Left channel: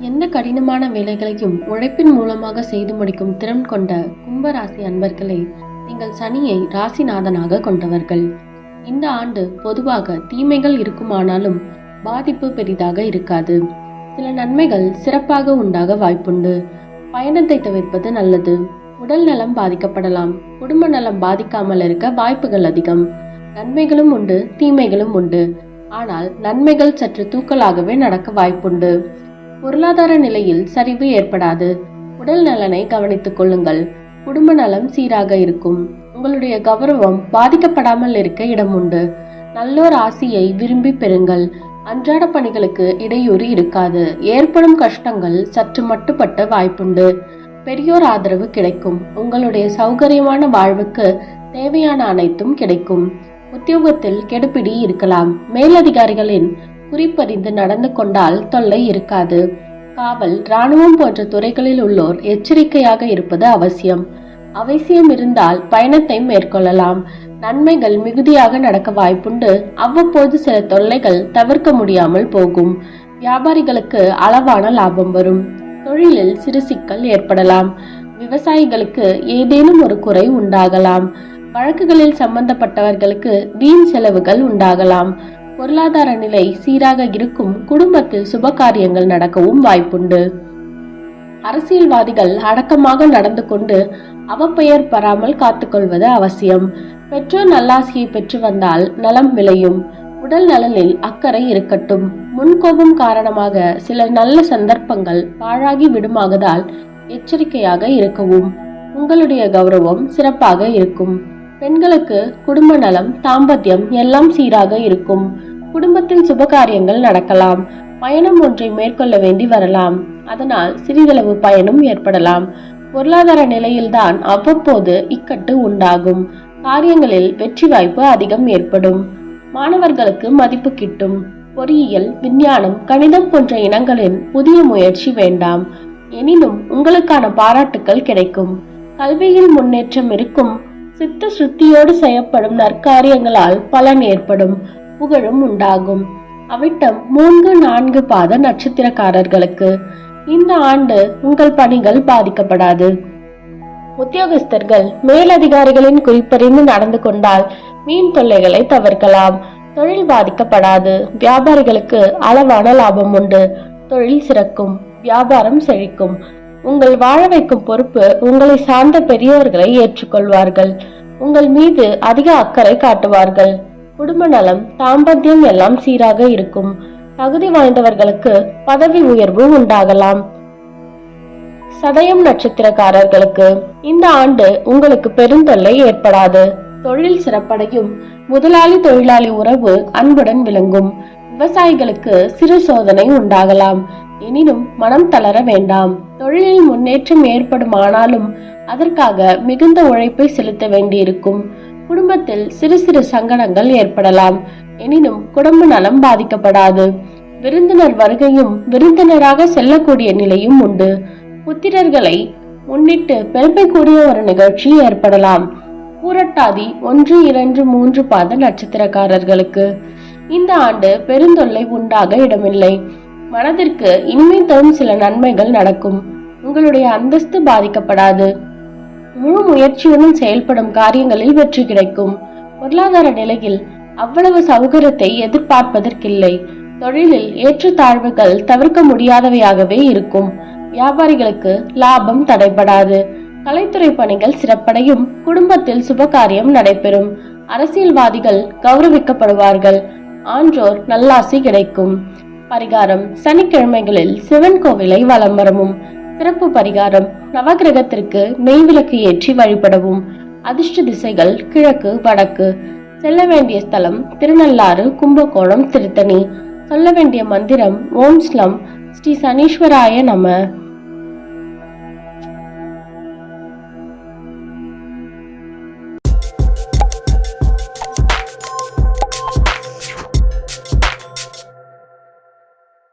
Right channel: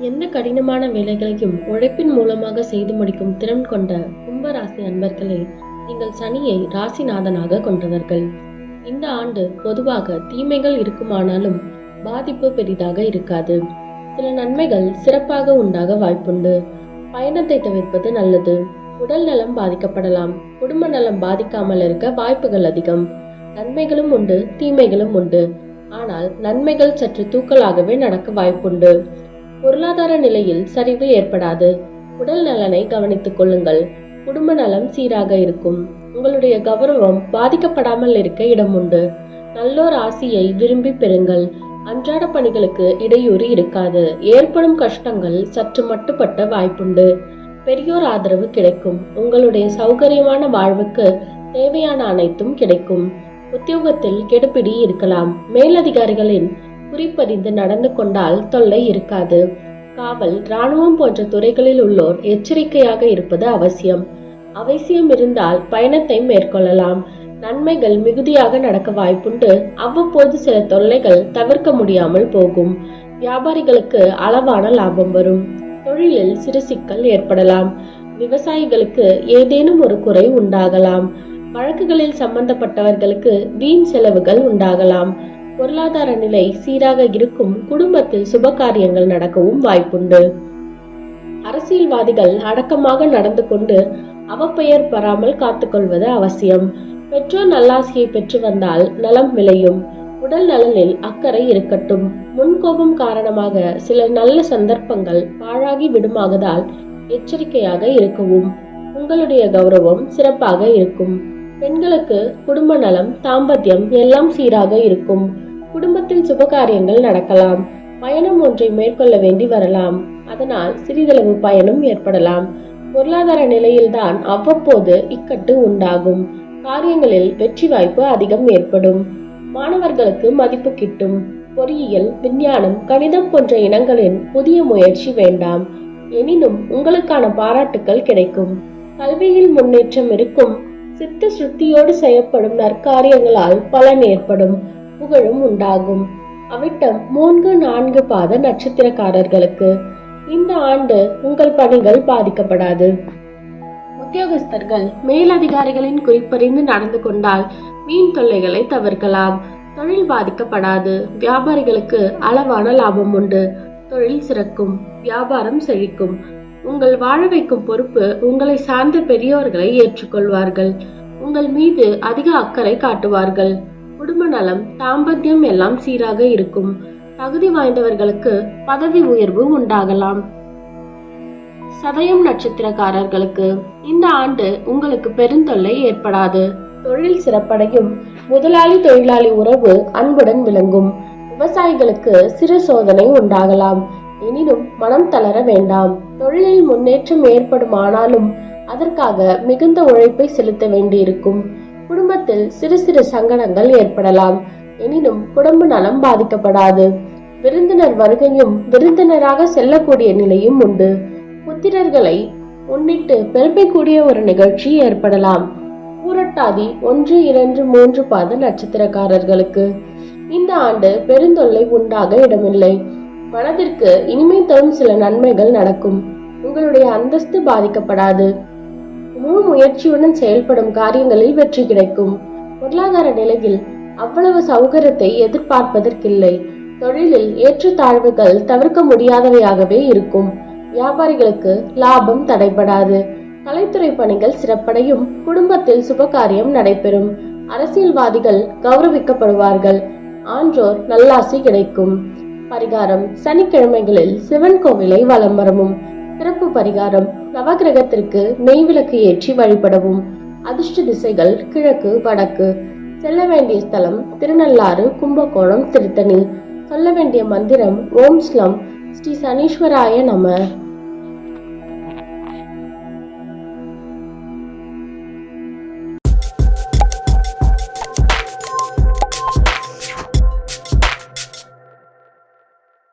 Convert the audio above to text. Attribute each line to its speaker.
Speaker 1: என்ன கடினமான வேலைகளையும் உழைப்பின் மூலமாக செய்து முடிக்கும் திறன் கொண்ட கும்பராசி அன்பர்களே நீங்கள் சனியை ராசிநாதனாக கொண்டவர்கள். இந்த ஆண்டு பொதுவாக தீமைகள் இருக்குமானாலும் பாதிப்பு பெரிதாக இருக்காது. சில நன்மைகள் சிறப்பாக உண்டாக வாய்ப்புண்டு. பயணத்தை தவிர்ப்பது நல்லது. உடல் நலம் பாதிக்கப்படலாம். குடும்ப நலம் பாதிக்காமல் இருக்க வாய்ப்புகள் அதிகம். நன்மைகளும் உண்டு தீமைகளும் உண்டு. ஆனால் நன்மைகள் சற்று தூக்கலாகவே நடக்க வாய்ப்புண்டு. பொருளாதார நிலையில் சரிவு ஏற்படாது. உடல் நலனை கவனித்துக் கொள்ளுங்கள். குடும்ப நலம் சீராக இருக்கும். உங்களுடைய கௌரவம் பாதிக்கப்படாமல் இருக்க இடம் உண்டு. நல்லோர் ஆசியை விரும்பி பெறுங்கள். அன்றாட பணிகளுக்கு இடையூறு இருக்காது. ஏற்படும் கஷ்டங்கள் சற்று மட்டுப்பட்ட வாய்ப்புண்டு. பெரியோர் ஆதரவு கிடைக்கும். உங்களுடைய சௌகரியமான வாழ்வுக்கு தேவையான அனைத்தும் கிடைக்கும். உத்தியோகத்தில் கெடுபிடி இருக்கலாம். மேலதிகாரிகளின் குறிப்பறிந்து நடந்து கொண்டால் தொல்லை இருக்காது. காவல் ராணுவம் போன்ற துறைகளில் உள்ளோர் எச்சரிக்கையாக இருப்பது அவசியம். அவசியம் இருந்தால் பயணத்தை மேற்கொள்ளலாம். நன்மைகள் மிகுதியாக நடக்க வாய்ப்புண்டு. அவ்வப்போது சில தொல்லைகள் தவிர்க்க முடியாமல் போகும். வியாபாரிகளுக்கு அளவான லாபம் வரும். தொழிலில் சிறு சிக்கல் ஏற்படலாம். விவசாயிகளுக்கு ஏதேனும் ஒரு குறை உண்டாகலாம். வழக்குகளில் சம்பந்தப்பட்டவர்களுக்கு வீண் செலவுகள் உண்டாகலாம். பொருளாதார நிலை சீராக இருக்கும் குடும்பத்தில் சுப காரியங்கள் நடக்கவும் வாய்ப்புண்டு. அரசியல்வாதிகள் அடக்கமாக நடந்து கொண்டு அவப்பெயர் பெறாமல் காத்துக்கொள்வது அவசியம். பெற்றோர் நல்லாசியை பெற்று வந்தால் நலம் விளையும். உடல் நலனில் அக்கறை இருக்கட்டும். முன்கோபம் காரணமாக சில நல்ல சந்தர்ப்பங்கள் பாழாகி விடுமாகதால் எச்சரிக்கையாக இருக்கவும். உங்களுடைய கௌரவம் சிறப்பாக இருக்கும். பெண்களுக்கு குடும்ப நலம் தாம்பத்தியம் எல்லாம் சீராக இருக்கும். குடும்பத்தில் சுபகாரியங்கள் நடக்கலாம். பயணம் ஒன்றை மேற்கொள்ள வேண்டி வரலாம். அதனால் சிறிதளவு பயணம் ஏற்படலாம். பொருளாதார நிலையில்தான் அவ்வப்போது இக்கட்டு உண்டாகும். காரியங்களில் வெற்றி வாய்ப்பு அதிகம் ஏற்படும். மாணவர்களுக்கு மதிப்பு கிட்டும். பொறியியல் விஞ்ஞானம் கணிதம் போன்ற இனங்களின் புதிய முயற்சி வேண்டாம். எனினும் உங்களுக்கான பாராட்டுக்கள் கிடைக்கும். கல்வியில் முன்னேற்றம் இருக்கும். சித்த சுத்தியோடு செய்யப்படும் நற்காரியங்களால் பலன் ஏற்படும். புகழும் உண்டாகும். அவிட்டம் மூன்று நான்கு பாத நட்சத்திரக்காரர்களுக்கு இந்த ஆண்டு உங்கள் பணிகள் பாதிக்கப்படாது. உத்தியோகஸ்தர்கள் மேலதிகாரிகளின் குறிப்பறிந்து நடந்து கொண்டால் மீன் தொல்லைகளை தவிர்க்கலாம். தொழில் பாதிக்கப்படாது. வியாபாரிகளுக்கு அளவான லாபம் உண்டு. தொழில் சிறக்கும். வியாபாரம் செழிக்கும். உங்கள் வாழ வைக்கும் பொறுப்பு உங்களை சார்ந்த பெரியவர்களை ஏற்றுக்கொள்வார்கள். உங்கள் மீது அதிக அக்கறை காட்டுவார்கள். குடும்ப நலம் தாம்பத்தியம் எல்லாம் சீராக இருக்கும். தகுதி வாய்ந்தவர்களுக்கு பதவி உயர்வு உண்டாகலாம். சதயம் நட்சத்திரக்காரர்களுக்கு இந்த ஆண்டு உங்களுக்கு பெருந்தொல்லை ஏற்படாது. தொழில் சிறப்படையும் முதலாளி தொழிலாளி உறவு அன்புடன் விளங்கும். விவசாயிகளுக்கு சிறு சோதனை உண்டாகலாம். எனினும் மனம் தளர வேண்டாம். தொழிலில் முன்னேற்றம் ஏற்படும் ஆனாலும் அதற்காக மிகுந்த உழைப்பை செலுத்த வேண்டியிருக்கும். குடும்பத்தில் சிறு சிறு சங்கடங்கள் ஏற்படலாம். எனினும் குடும்ப நலம் பாதிக்கப்படாது. விருந்தினர் வருகையும் விருந்தினராக செல்லக்கூடிய நிலையும் உண்டு. புத்திரர்களை முன்னிட்டு பெருமை கூடிய ஒரு நிகழ்ச்சி ஏற்படலாம். பூரட்டாதி ஒன்று இரண்டு மூன்று பாத நட்சத்திரக்காரர்களுக்கு. இந்த ஆண்டு பெருந்தொல்லை உண்டாக இடமில்லை. மனதிற்கு இனிமை தரும் சில நன்மைகள் நடக்கும். உங்களுடைய அந்தஸ்து பாதிக்கப்படாது. முழு முயற்சியுடன் செயல்படும் காரியங்களில் வெற்றி கிடைக்கும். பொருளாதார நிலையில் அவ்வளவு சௌகரியத்தை எதிர்பார்ப்பதற்கில்லை. தொழிலில் ஏற்றத்தாழ்வுகள் தவிர்க்க முடியாதவையாகவே இருக்கும். வியாபாரிகளுக்கு லாபம் தடைபடாது. கலைத்துறை பணிகள் சிறப்படையும். குடும்பத்தில் சுபகாரியம் நடைபெறும். அரசியல்வாதிகள் கௌரவிக்கப்படுவார்கள். ஆன்றோர் நல்லாசி கிடைக்கும். பரிகாரம் சனிக்கிழமைகளில் சிவன் கோவிலை வலம் வரமும். சிறப்பு பரிகாரம் நவகிரகத்திற்கு நெய் விளக்கு ஏற்றி வழிபடவும். அதிர்ஷ்ட திசைகள் கிழக்கு வடக்கு. செல்ல வேண்டிய ஸ்தலம் திருநள்ளாறு கும்பகோணம் திருத்தணி. சொல்ல வேண்டிய மந்திரம் ஓம் ஸ்லம் ஸ்ரீ சனீஸ்வராய நம.